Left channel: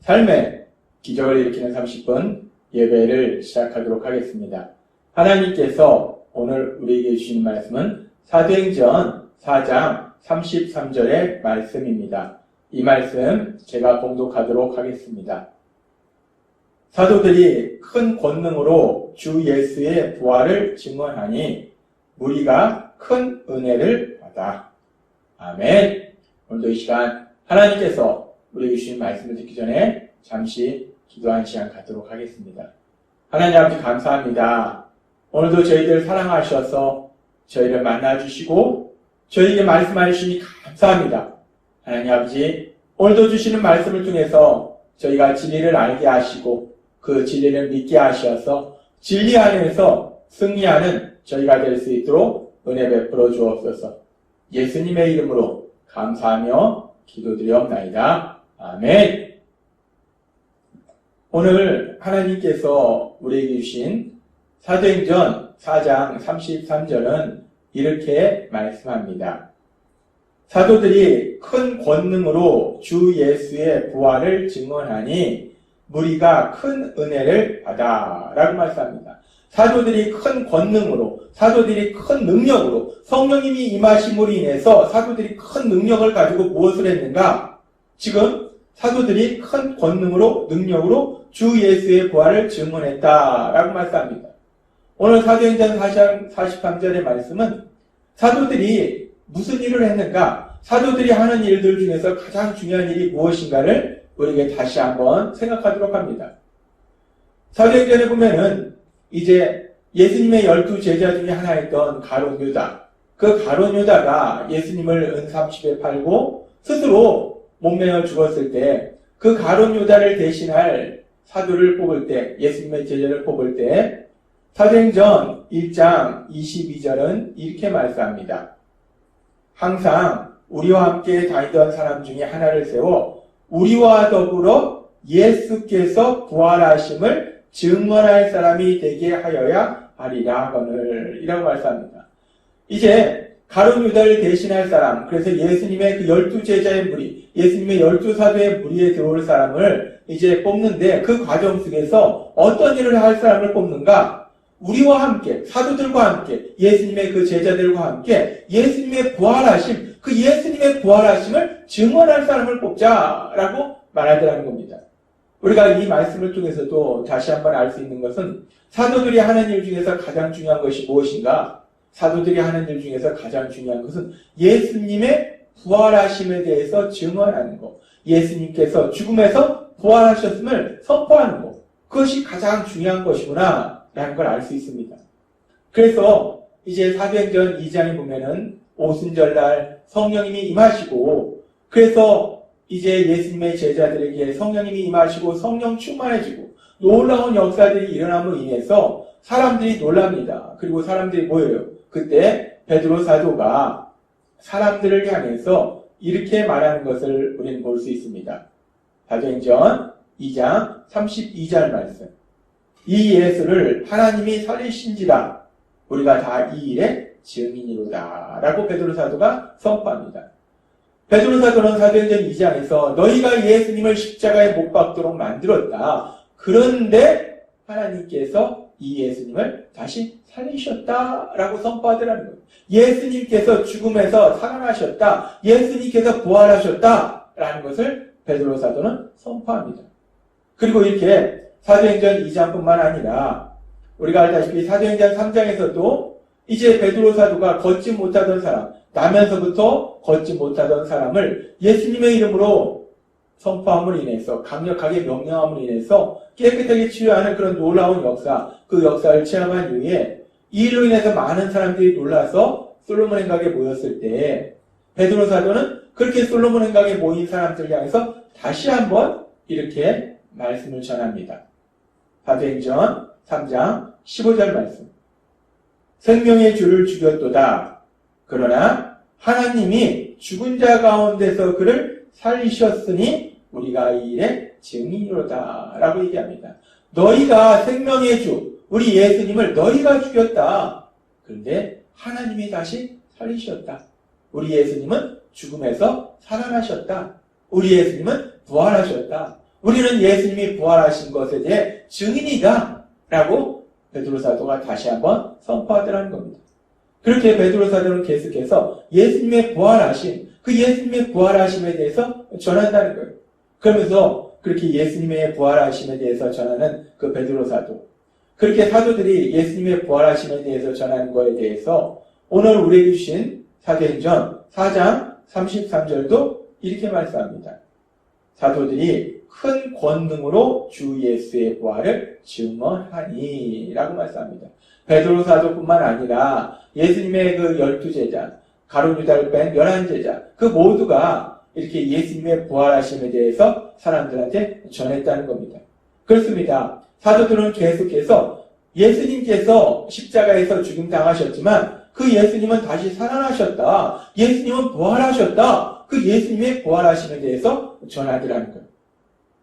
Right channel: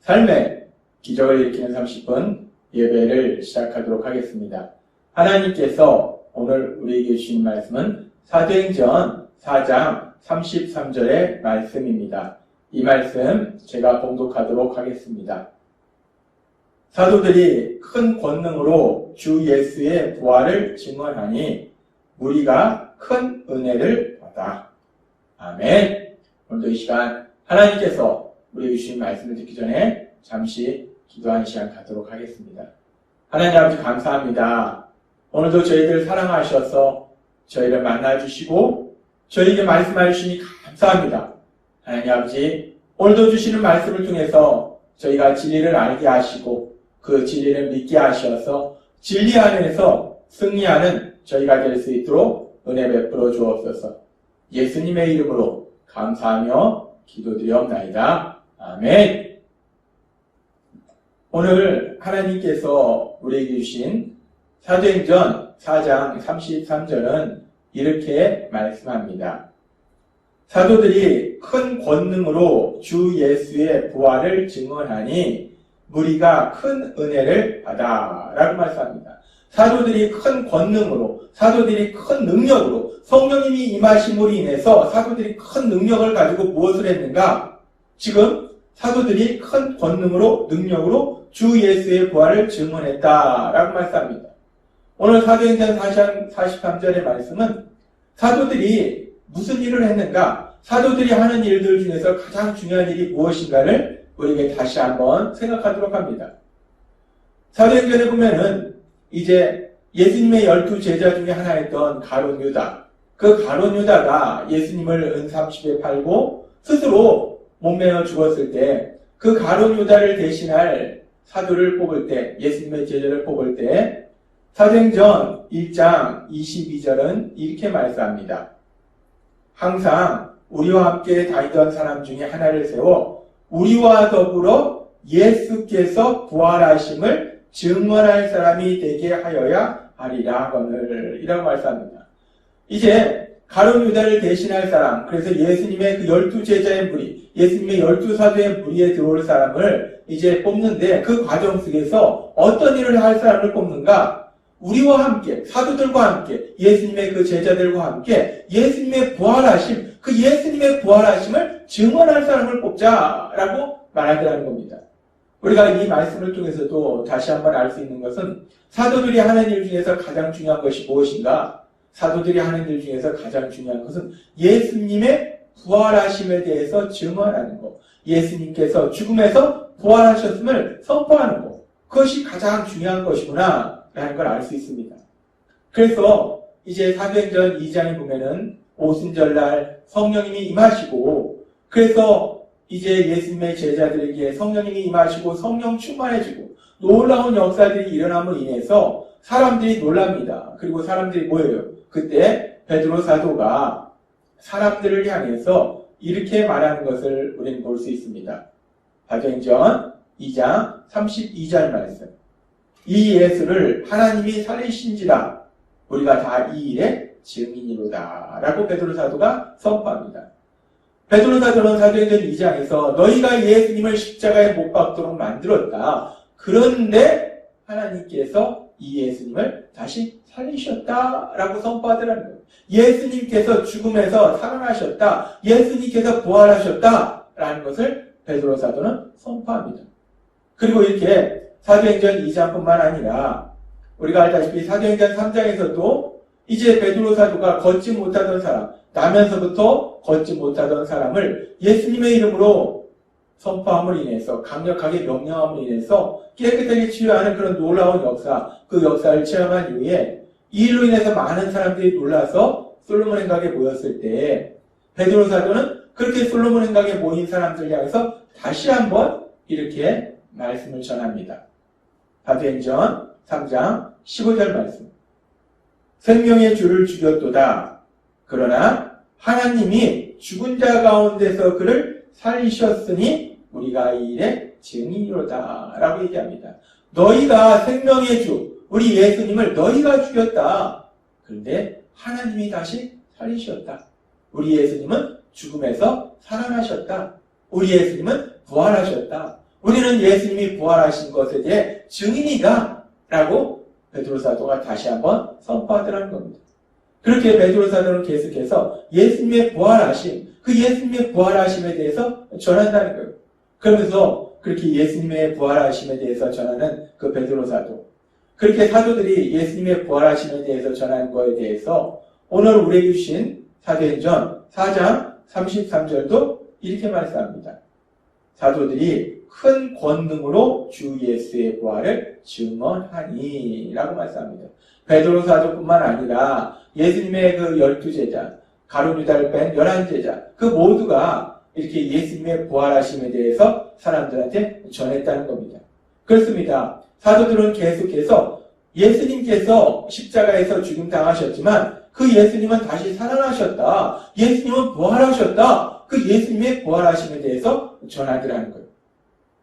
삶의 기적을 일으키는 30분 예배를 시작하도록 하겠습니다. 하나님께서 오늘 우리에게 주신 말씀은 사도행전 4장 33절의 말씀입니다. 이 말씀 제가 봉독하도록 하겠습니다. 사도들이 큰 권능으로 주 예수의 부활을 증언하니 무리가 큰 은혜를 받아. 아멘. 오늘도 이 시간 하나님께서 우리에게 주신 말씀을 듣기 전에 잠시 기도하는 시간 갖도록 하겠습니다. 하나님 아버지 감사합니다. 오늘도 저희들 사랑하셔서 저희를 만나주시고 저희에게 말씀해 주시니 감사합니다. 하나님 아버지 오늘도 주시는 말씀을 통해서 저희가 진리를 알게 하시고 그 진리를 믿게 하셔서 진리 안에서 승리하는 저희가 될 수 있도록 은혜 베풀어 주옵소서. 예수님의 이름으로 감사하며 기도드리옵나이다. 아멘. 오늘 하나님께서 우리에게 주신 사도행전 4장 33절은 이렇게 말씀합니다. 사도들이 큰 권능으로 주 예수의 부활을 증언하니 무리가 큰 은혜를 받아 라고 말씀합니다. 사도들이 큰 권능으로, 사도들이 큰 능력으로, 성령님이 임하심으로 인해서 사도들이 큰 능력을 가지고 무엇을 했는가? 지금 사도들이 큰 권능으로, 능력으로 주 예수의 부활을 증언했다라고 말씀합니다. 오늘 사도행전 4장 43절의 말씀은 사도들이 무슨 일을 했는가? 사도들이 하는 일들 중에서 가장 중요한 일이 무엇인가를 우리에게 다시 한번 생각하도록 합니다. 사도행전에 보면은 이제 예수님의 12 제자 중에 하나였던 가룟 유다. 그 가룟 유다가 예수님을 은 30에 팔고 스스로 목매어 죽었을 때 그 가룟 유다를 대신할 사도를 뽑을 때, 예수님의 제자를 뽑을 때 사도행전 1장 22절은 이렇게 말씀합니다. 항상 우리와 함께 다니던 사람 중에 하나를 세워 우리와 더불어 예수께서 부활하심을 증언할 사람이 되게 하여야 하리라 하거늘 이라고 말씀합니다. 이제 가룟 유다를 대신할 사람, 그래서 예수님의 그 12 제자의 무리, 예수님의 12 사도의 무리에 들어올 사람을 이제 뽑는데 그 과정 속에서 어떤 일을 할 사람을 뽑는가? 우리와 함께, 사도들과 함께, 예수님의 그 제자들과 함께 예수님의 부활하심, 그 예수님의 부활하심을 증언할 사람을 뽑자라고 말하더라는 겁니다. 우리가 이 말씀을 통해서도 다시 한번 알 수 있는 것은 사도들이 하는 일 중에서 가장 중요한 것이 무엇인가? 사도들이 하는 일 중에서 가장 중요한 것은 예수님의 부활하심에 대해서 증언하는 것. 예수님께서 죽음에서 부활하셨음을 선포하는 것. 그것이 가장 중요한 것이구나 라는 걸 알 수 있습니다. 그래서 이제 사도행전 2장에 보면은 오순절날 성령님이 임하시고 그래서 이제 예수님의 제자들에게 성령님이 임하시고 성령 충만해지고 놀라운 역사들이 일어남으로 인해서 사람들이 놀랍니다. 그리고 사람들이 모여요. 그때 베드로 사도가 사람들을 향해서 이렇게 말하는 것을 우리는 볼 수 있습니다. 사도행전 2장 32절 말씀. 이 예수를 하나님이 살리신지라 우리가 다 이 일의 증인이로다 라고 베드로 사도가 선포합니다. 베드로 사도는 사도행전 2장에서 너희가 예수님을 십자가에 못 박도록 만들었다. 그런데 하나님께서 이 예수님을 다시 살리셨다라고 선포하더라는 거예요. 예수님께서 죽음에서 살아나셨다. 예수님께서 부활하셨다라는 것을 베드로 사도는 선포합니다. 그리고 이렇게 사도행전 2장뿐만 아니라 우리가 알다시피 사도행전 3장에서도 이제 베드로 사도가 걷지 못하던 사람, 나면서부터 걷지 못하던 사람을 예수님의 이름으로 선포함으로 인해서 강력하게 명령함으로 인해서 깨끗하게 치유하는 그런 놀라운 역사, 그 역사를 체험한 이후에 이로 인해서 많은 사람들이 놀라서 솔로몬 행각에 모였을 때 베드로 사도는 그렇게 솔로몬 행각에 모인 사람들 향해서 다시 한번 이렇게 말씀을 전합니다. 사도행전 3장 15절 말씀. 생명의 주를 죽였도다. 그러나 하나님이 죽은 자 가운데서 그를 살리셨으니 우리가 이 일의 증인이로다 라고 얘기합니다. 너희가 생명의 주 우리 예수님을 너희가 죽였다. 그런데 하나님이 다시 살리셨다. 우리 예수님은 죽음에서 살아나셨다. 우리 예수님은 부활하셨다. 우리는 예수님이 부활하신 것에 대해 증인이다 라고 베드로 사도가 다시 한번 선포하더라는 겁니다. 그렇게 베드로 사도는 계속해서 예수님의 부활하심, 그 예수님의 부활하심에 대해서 전한다는 거예요. 그러면서 그렇게 예수님의 부활하심에 대해서 전하는 그 베드로 사도, 그렇게 사도들이 예수님의 부활하심에 대해서 전하는 거에 대해서 오늘 우리에게 주신 사도행전 4장 33절도 이렇게 말씀합니다. 사도들이 큰 권능으로 주 예수의 부활을 증언하니 라고 말씀합니다. 베드로 사도뿐만 아니라 예수님의 그 12제자, 가룟 유다를 뺀 11제자, 그 모두가 이렇게 예수님의 부활하심에 대해서 사람들한테 전했다는 겁니다. 그렇습니다. 사도들은 계속해서 예수님께서 십자가에서 죽임당하셨지만 그 예수님은 다시 살아나셨다. 예수님은 부활하셨다. 그 예수님의 부활하심에 대해서 전하더라는 거예요.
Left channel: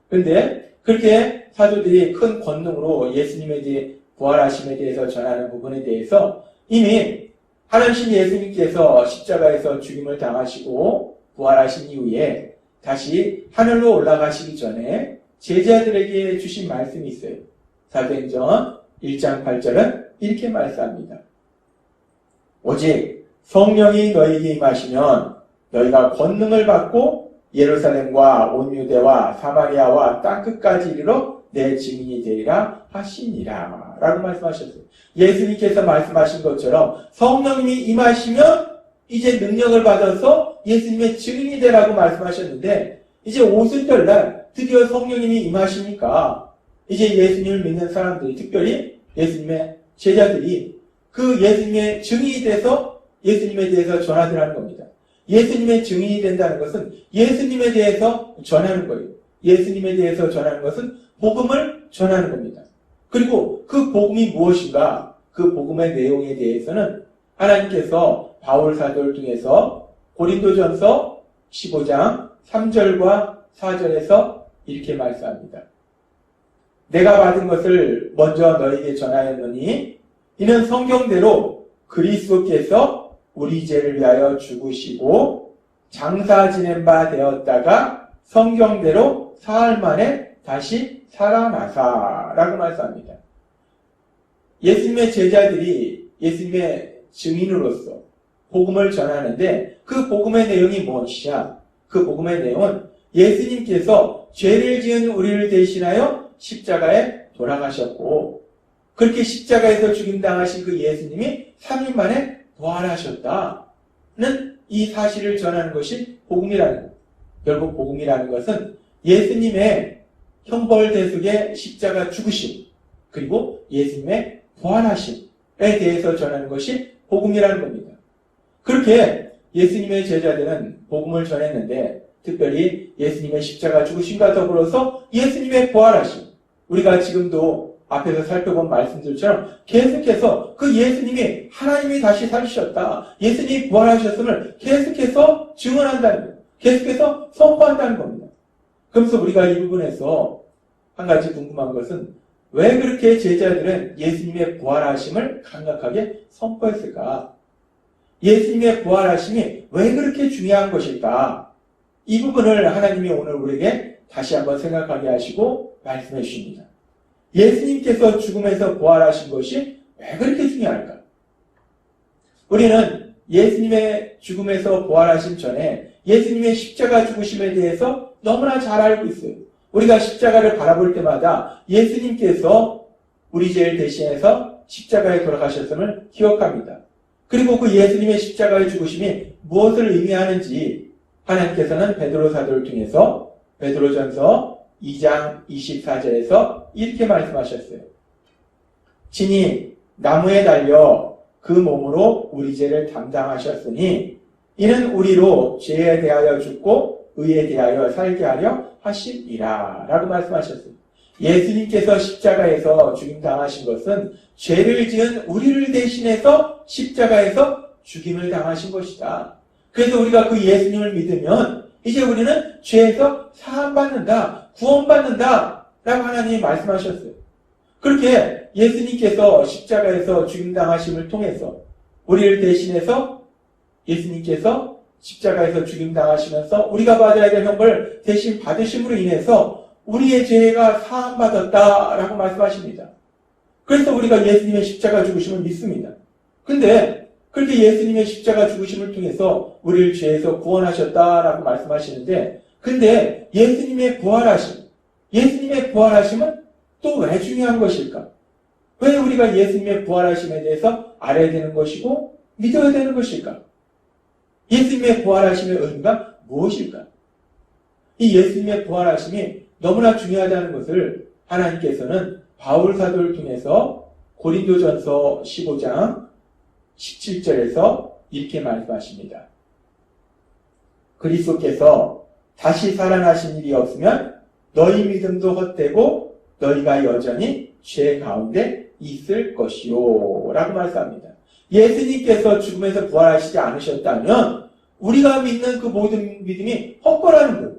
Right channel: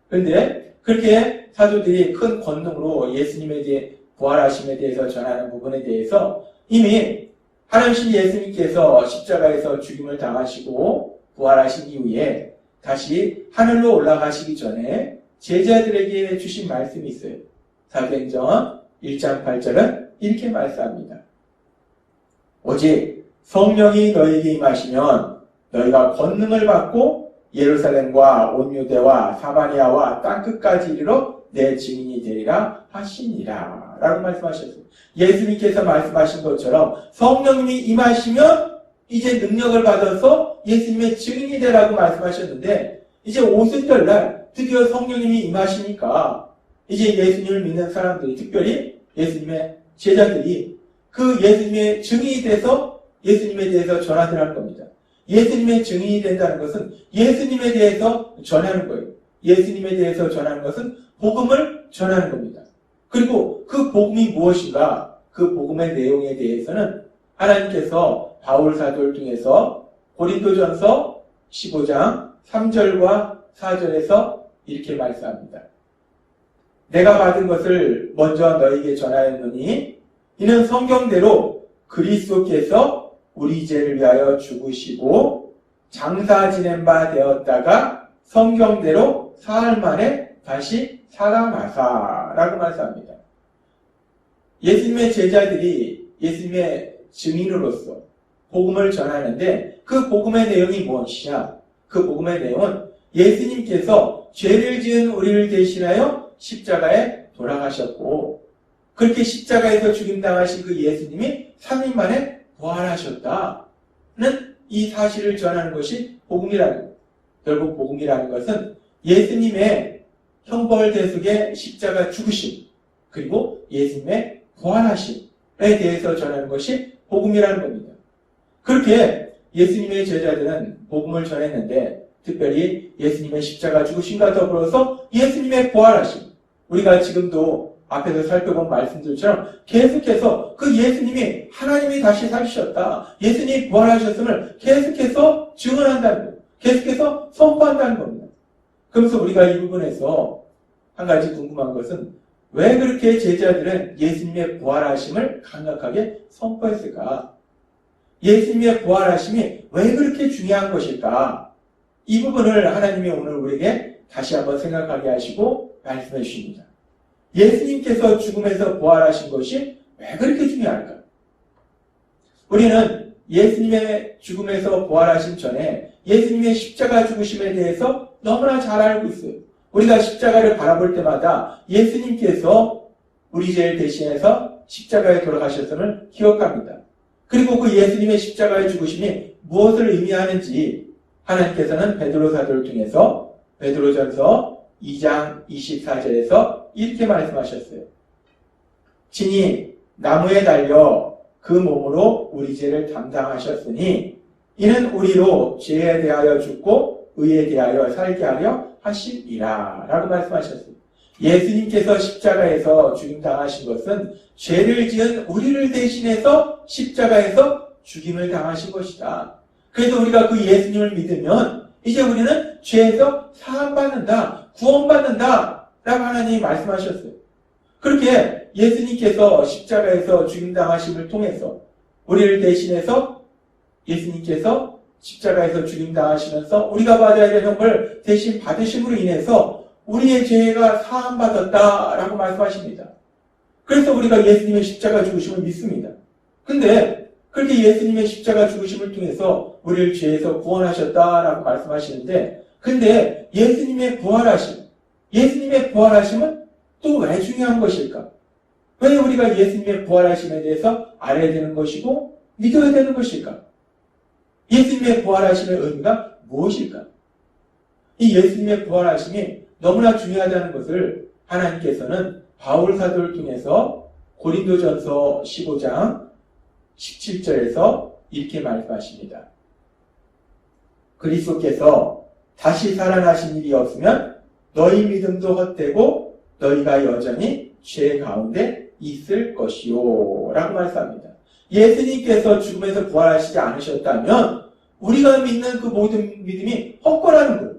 그런데 그렇게 사도들이 큰 권능으로 예수님에 대해 부활하심에 대해서 전하는 부분에 대해서 이미 하나님 예수님께서 십자가에서 죽임을 당하시고 부활하신 이후에 다시 하늘로 올라가시기 전에 제자들에게 주신 말씀이 있어요. 사도행전 1장 8절은 이렇게 말씀합니다. 오직 성령이 너희에게 임하시면 너희가 권능을 받고 예루살렘과 온 유대와 사마리아와 땅끝까지 이르러 내 증인이 되리라 하시니라 라고 말씀하셨어요. 예수님께서 말씀하신 것처럼 성령님이 임하시면 이제 능력을 받아서 예수님의 증인이 되라고 말씀하셨는데 이제 오순절날 드디어 성령님이 임하시니까 이제 예수님을 믿는 사람들이, 특별히 예수님의 제자들이 그 예수님의 증인이 돼서 예수님에 대해서 전하더라는 겁니다. 예수님의 증인이 된다는 것은 예수님에 대해서 전하는 거예요. 예수님에 대해서 전하는 것은 복음을 전하는 겁니다. 그리고 그 복음이 무엇인가? 그 복음의 내용에 대해서는 하나님께서 바울 사도를 통해서 고린도전서 15장 3절과 4절에서 이렇게 말씀합니다. 내가 받은 것을 먼저 너희에게 전하였노니 이는 성경대로 그리스도께서 우리 죄를 위하여 죽으시고 장사 지낸 바 되었다가 성경대로 사흘 만에 다시 살아나사라고 말씀합니다. 예수님의 제자들이 예수님의 증인으로서 복음을 전하는데 그 복음의 내용이 무엇이냐? 그 복음의 내용은 예수님께서 죄를 지은 우리를 대신하여 십자가에 돌아가셨고 그렇게 십자가에서 죽임당하신 그 예수님이 3일 만에 부활하셨다는 이 사실을 전하는 것이 복음이라는 거예요. 결국 복음이라는 것은 예수님의 형벌대속의 십자가 죽으심 그리고 예수님의 부활하심에 대해서 전하는 것이 복음이라는 겁니다. 그렇게 예수님의 제자들은 복음을 전했는데 특별히 예수님의 십자가 죽으심과 더불어서 예수님의 부활하심, 우리가 지금도 앞에서 살펴본 말씀들처럼 계속해서 그 예수님이 하나님이 다시 살으셨다, 예수님이 부활하셨음을 계속해서 증언한다는 거예요. 계속해서 선포한다는 겁니다. 그래서 우리가 이 부분에서 한 가지 궁금한 것은 왜 그렇게 제자들은 예수님의 부활하심을 강력하게 선포했을까? 예수님의 부활하심이 왜 그렇게 중요한 것일까? 이 부분을 하나님이 오늘 우리에게 다시 한번 생각하게 하시고 말씀해 주십니다. 예수님께서 죽음에서 부활하신 것이 왜 그렇게 중요할까? 우리는 예수님의 죽음에서 부활하심 전에 예수님의 십자가 죽으심에 대해서 너무나 잘 알고 있어요. 우리가 십자가를 바라볼 때마다 예수님께서 우리 죄를 대신해서 십자가에 돌아가셨음을 기억합니다. 그리고 그 예수님의 십자가의 죽으심이 무엇을 의미하는지 하나님께서는 베드로 사도를 통해서 베드로전서 2장 24절에서 이렇게 말씀하셨어요. 친히 나무에 달려 그 몸으로 우리 죄를 담당하셨으니 이는 우리로 죄에 대하여 죽고 의에 대하여 살게 하려 하시리라 라고 말씀하셨습니다. 예수님께서 십자가에서 죽임당하신 것은 죄를 지은 우리를 대신해서 십자가에서 죽임을 당하신 것이다. 그래서 우리가 그 예수님을 믿으면 이제 우리는 죄에서 사함받는다, 구원받는다 라고 하나님이 말씀하셨어요. 그렇게 예수님께서 십자가에서 죽임당하심을 통해서 우리를 대신해서 예수님께서 십자가에서 죽임당하시면서 우리가 받아야 될 형벌을 대신 받으심으로 인해서 우리의 죄가 사함받았다라고 말씀하십니다. 그래서 우리가 예수님의 십자가 죽으심을 믿습니다. 근데 그렇게 예수님의 십자가 죽으심을 통해서 우리를 죄에서 구원하셨다라고 말씀하시는데, 근데 예수님의 부활하심은 또 왜 중요한 것일까? 왜 우리가 예수님의 부활하심에 대해서 알아야 되는 것이고 믿어야 되는 것일까? 예수님의 부활하심의 의미가 무엇일까? 이 예수님의 부활하심이 너무나 중요하다는 것을 하나님께서는 바울 사도를 통해서 고린도전서 15장 17절에서 이렇게 말씀하십니다. 그리스도께서 다시 살아나신 일이 없으면 너희 믿음도 헛되고 너희가 여전히 죄 가운데 있을 것이요 라고 말씀합니다. 예수님께서 죽음에서 부활하시지 않으셨다면 우리가 믿는 그 모든 믿음이 헛거라는 거예요.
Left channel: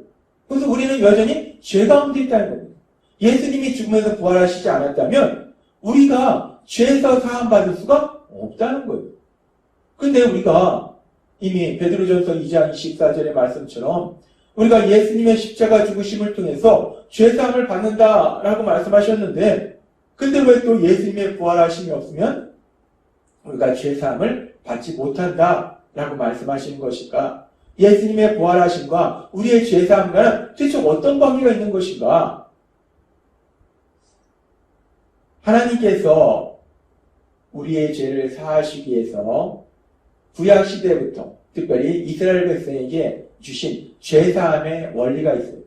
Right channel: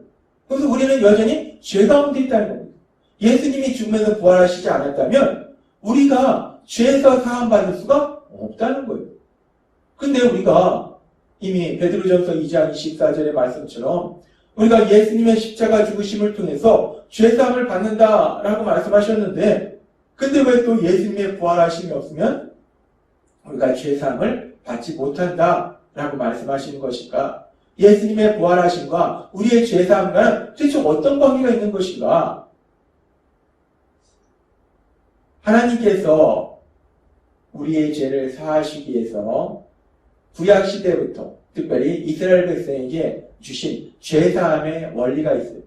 그래서 우리는 여전히 죄 가운데 있다는 겁니다. 예수님이 죽음에서 부활하시지 않았다면 우리가 죄에서 사함받을 수가 없다는 거예요. 근데 우리가 이미 베드로전서 2장 24절의 말씀처럼 우리가 예수님의 십자가 죽으심을 통해서 죄사함을 받는다라고 말씀하셨는데, 근데 왜 또 예수님의 부활하심이 없으면 우리가 죄사함을 받지 못한다라고 말씀하시는 것일까? 예수님의 부활하심과 우리의 죄사함과는 도대체 어떤 관계가 있는 것인가? 하나님께서 우리의 죄를 사하시기 위해서 구약시대부터 특별히 이스라엘 백성에게 주신 죄사함의 원리가 있어요.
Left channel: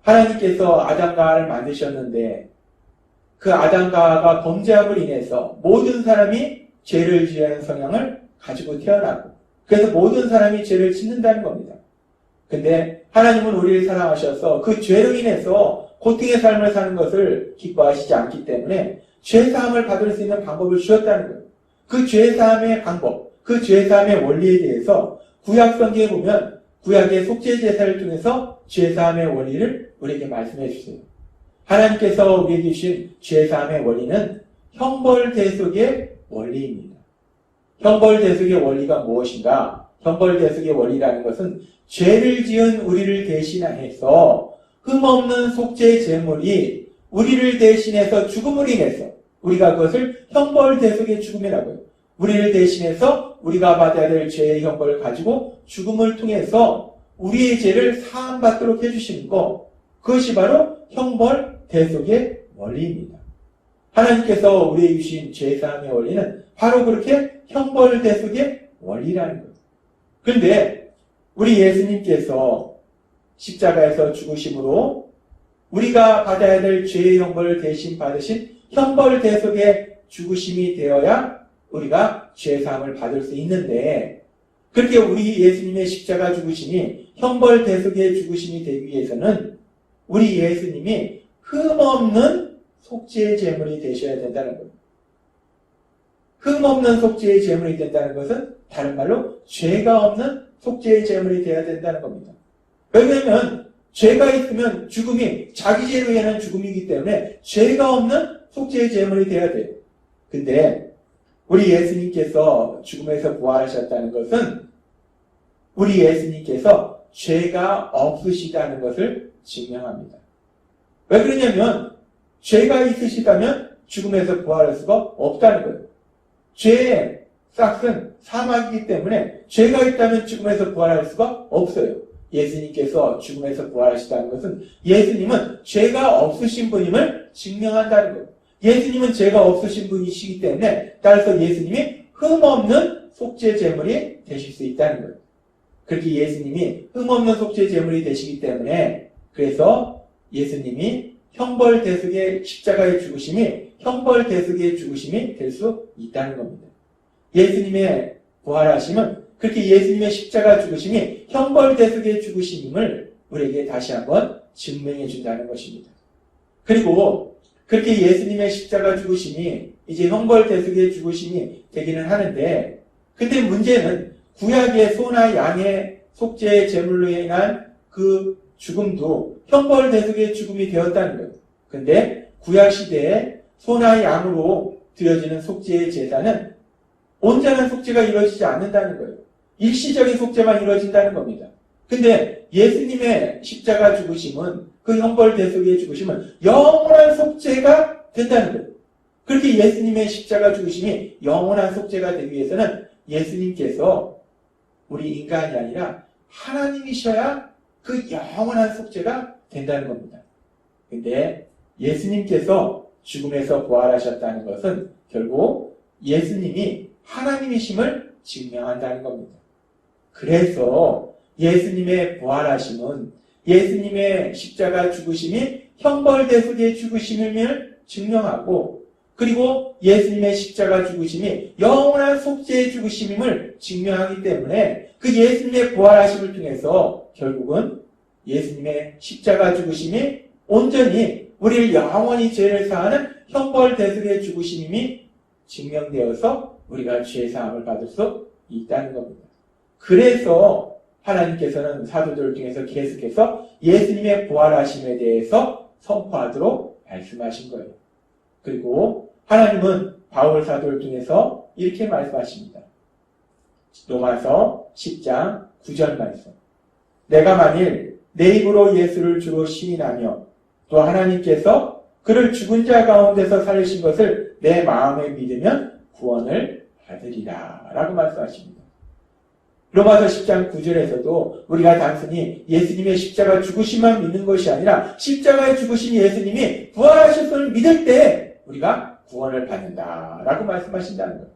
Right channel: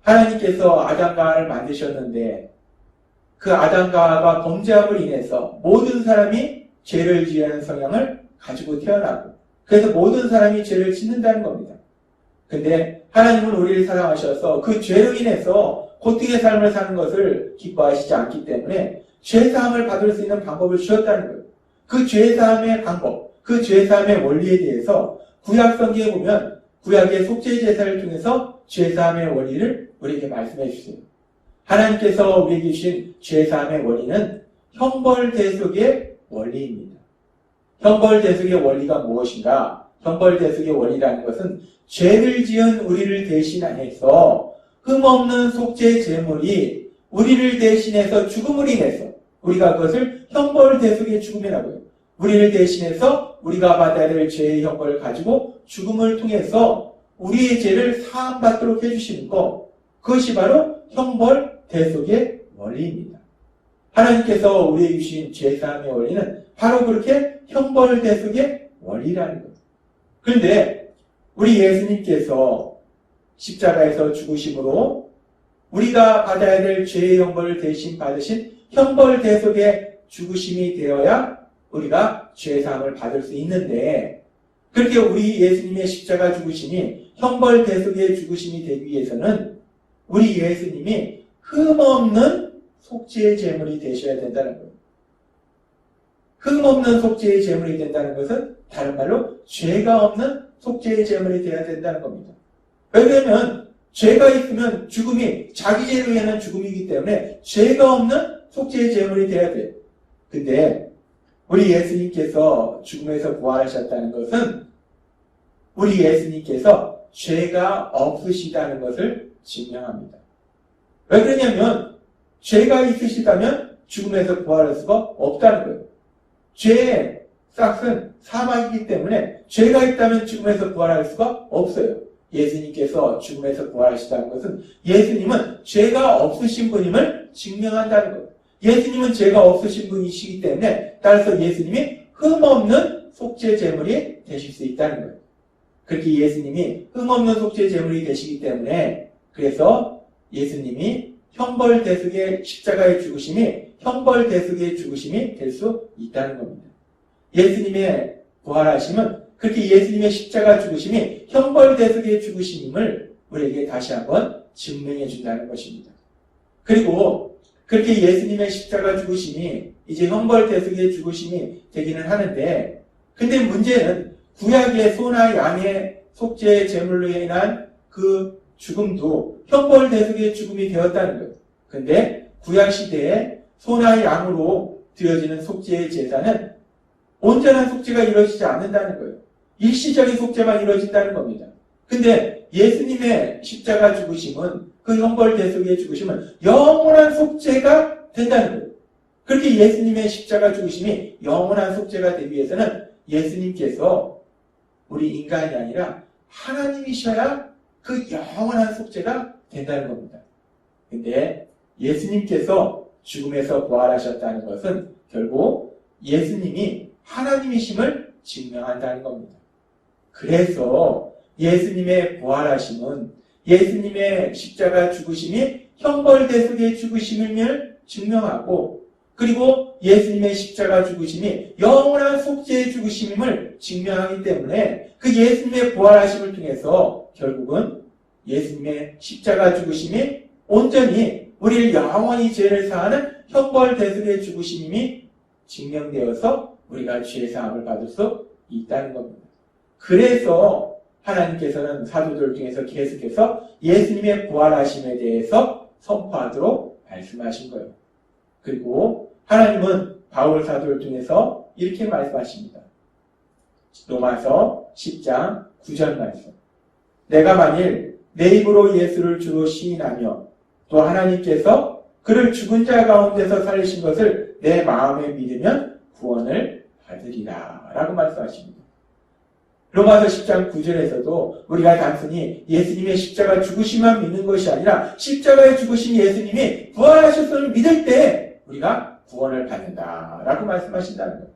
하나님께서 아담과 하와를 만드셨는데 그 아담과 하와가 범죄함으로 인해서 모든 사람이 죄를 지으는 성향을 가지고 태어나고, 그래서 모든 사람이 죄를 짓는다는 겁니다. 근데 하나님은 우리를 사랑하셔서 그 죄로 인해서 고통의 삶을 사는 것을 기뻐하시지 않기 때문에 죄사함을 받을 수 있는 방법을 주셨다는 거예요. 그 죄사함의 방법, 그 죄사함의 원리에 대해서 구약 성경에 보면 구약의 속죄 제사를 통해서 죄사함의 원리를 우리에게 말씀해 주세요. 하나님께서 우리에게 주신 죄사함의 원리는 형벌대속의 원리입니다. 형벌대속의 원리가 무엇인가? 형벌대속의 원리라는 것은 죄를 지은 우리를 대신해서 흠없는 속죄 제물이 우리를 대신해서 죽음을 인해서 우리가 그것을 형벌대속의 죽음이라고 해요. 우리를 대신해서 우리가 받아야 될 죄의 형벌을 가지고 죽음을 통해서 우리의 죄를 사함받도록 해주시는 것, 그것이 바로 형벌대속의 원리입니다. 하나님께서 우리에게 주신 죄사함의 원리는 바로 그렇게 형벌대속의 원리라는 거예요. 그런데 우리 예수님께서 십자가에서 죽으심으로 우리가 받아야 될 죄의 형벌을 대신 받으신 형벌대속의 죽으심이 되어야 우리가 죄사함을 받을 수 있는데, 그렇게 우리 예수님의 십자가 죽으심이 형벌대속의 죽으심이 되기 위해서는 우리 예수님이 흠없는 속죄의 제물이 되셔야 된다는 거예요. 흠없는 속죄의 제물이 된다는 것은 다른 말로 죄가 없는 속죄의 제물이 되어야 된다는 겁니다. 왜냐하면 죄가 있으면 죽음이 자기 죄로 인한 죽음이기 때문에 죄가 없는 속죄의 제물이 되어야 돼요. 근데 우리 예수님께서 죽음에서 부활하셨다는 것은 우리 예수님께서 죄가 없으시다는 것을 증명합니다. 왜 그러냐면 죄가 있으시다면 죽음에서 부활할 수가 없다는 거예요. 죄의 싹은 사망이기 때문에 죄가 있다면 죽음에서 부활할 수가 없어요. 예수님께서 죽음에서 부활하시다는 것은 예수님은 죄가 없으신 분임을 증명한다는 거예요. 예수님은 죄가 없으신 분이시기 때문에 따라서 예수님이 흠없는 속죄 제물이 되실 수 있다는 거예요. 그렇게 예수님이 흠없는 속죄 제물이 되시기 때문에 그래서 예수님이 형벌대속의 십자가의 죽으심이 형벌대속의 죽으심이 될 수 있다는 겁니다. 예수님의 부활하심은 그렇게 예수님의 십자가 죽으심이 형벌대속의 죽으심임을 우리에게 다시 한번 증명해 준다는 것입니다. 그리고 그렇게 예수님의 십자가 죽으심이 이제 형벌대속의 죽으심이 되기는 하는데, 근데 문제는 구약의 소나 양의 속죄의 제물로 인한 그 죽음도 형벌대속의 죽음이 되었다는 거예요. 근데 구약시대에 소나 양으로 드려지는 속죄의 제사는 온전한 속죄가 이루어지지 않는다는 거예요. 일시적인 속죄만 이루어진다는 겁니다. 근데 예수님의 십자가 죽으심은, 그 형벌대속의 죽으심은 영원한 속죄가 된다는 거예요. 그렇게 예수님의 십자가 죽으심이 영원한 속죄가 되기 위해서는 예수님께서 우리 인간이 아니라 하나님이셔야 그 영원한 속죄가 된다는 겁니다. 근데 예수님께서 죽음에서 부활하셨다는 것은 결국 예수님이 하나님이심을 증명한다는 겁니다. 그래서 예수님의 부활하심은 예수님의 십자가 죽으심이 형벌대속의 죽으심을 증명하고, 그리고 예수님의 십자가 죽으심이 영원한 속죄의 죽으심임을 증명하기 때문에 그 예수님의 부활하심을 통해서 결국은 예수님의 십자가 죽으심이 온전히 우리를 영원히 죄를 사하는 형벌대속의 죽으심이 증명되어서 우리가 죄사함을 받을 수 있다는 겁니다. 그래서 하나님께서는 사도들을 통해서 계속해서 예수님의 부활하심에 대해서 선포하도록 말씀하신 거예요. 그리고 하나님은 바울 사도를 통해서 이렇게 말씀하십니다. 로마서 10장 9절 말씀. 내가 만일 내 입으로 예수를 주로 시인하며 또 하나님께서 그를 죽은 자 가운데서 살리신 것을 내 마음에 믿으면 구원을 받으리라 라고 말씀하십니다. 로마서 10장 9절에서도 우리가 단순히 예수님의 십자가 죽으심만 믿는 것이 아니라 십자가에 죽으신 예수님이 부활하셨음을 믿을 때 우리가 구원을 받는다라고 말씀하신다는 것.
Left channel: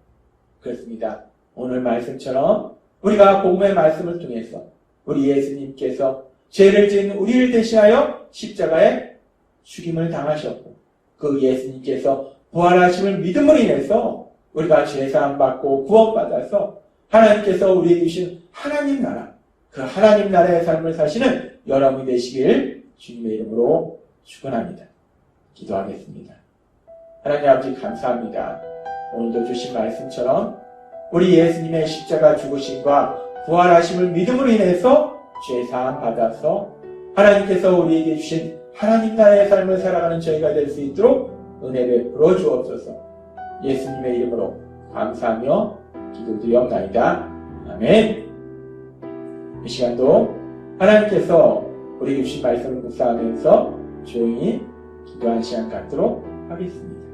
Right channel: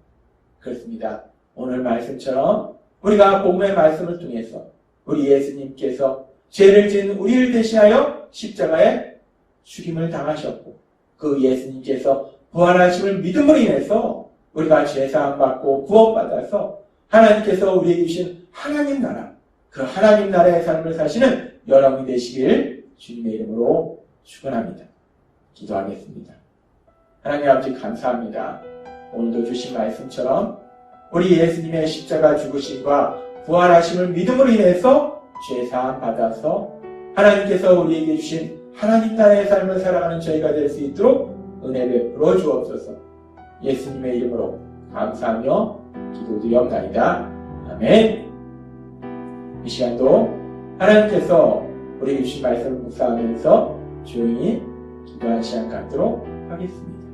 그렇습니다. 오늘 말씀처럼 우리가 복음의 말씀을 통해서 우리 예수님께서 죄를 지은 우리를 대신하여 십자가에 죽임을 당하셨고, 그 예수님께서 부활하심을 믿음으로 인해서 우리가 죄사함 받고 구원받아서 하나님께서 우리에게 주신 하나님 나라, 그 하나님 나라의 삶을 사시는 여러분이 되시길 주님의 이름으로 축원합니다. 기도하겠습니다. 하나님 아버지 감사합니다. 오늘도 주신 말씀처럼 우리 예수님의 십자가 죽으심과 부활하심을 믿음으로 인해서 죄사함 받아서 하나님께서 우리에게 주신 하나님 나라의 삶을 살아가는 저희가 될 수 있도록 은혜 베풀어 주옵소서. 예수님의 이름으로 감사하며 기도드리옵나이다. 아멘. 이 시간도 하나님께서 우리 주신 말씀을 묵상하면서 조용히 기도하는 시간 갖도록 하겠습니다.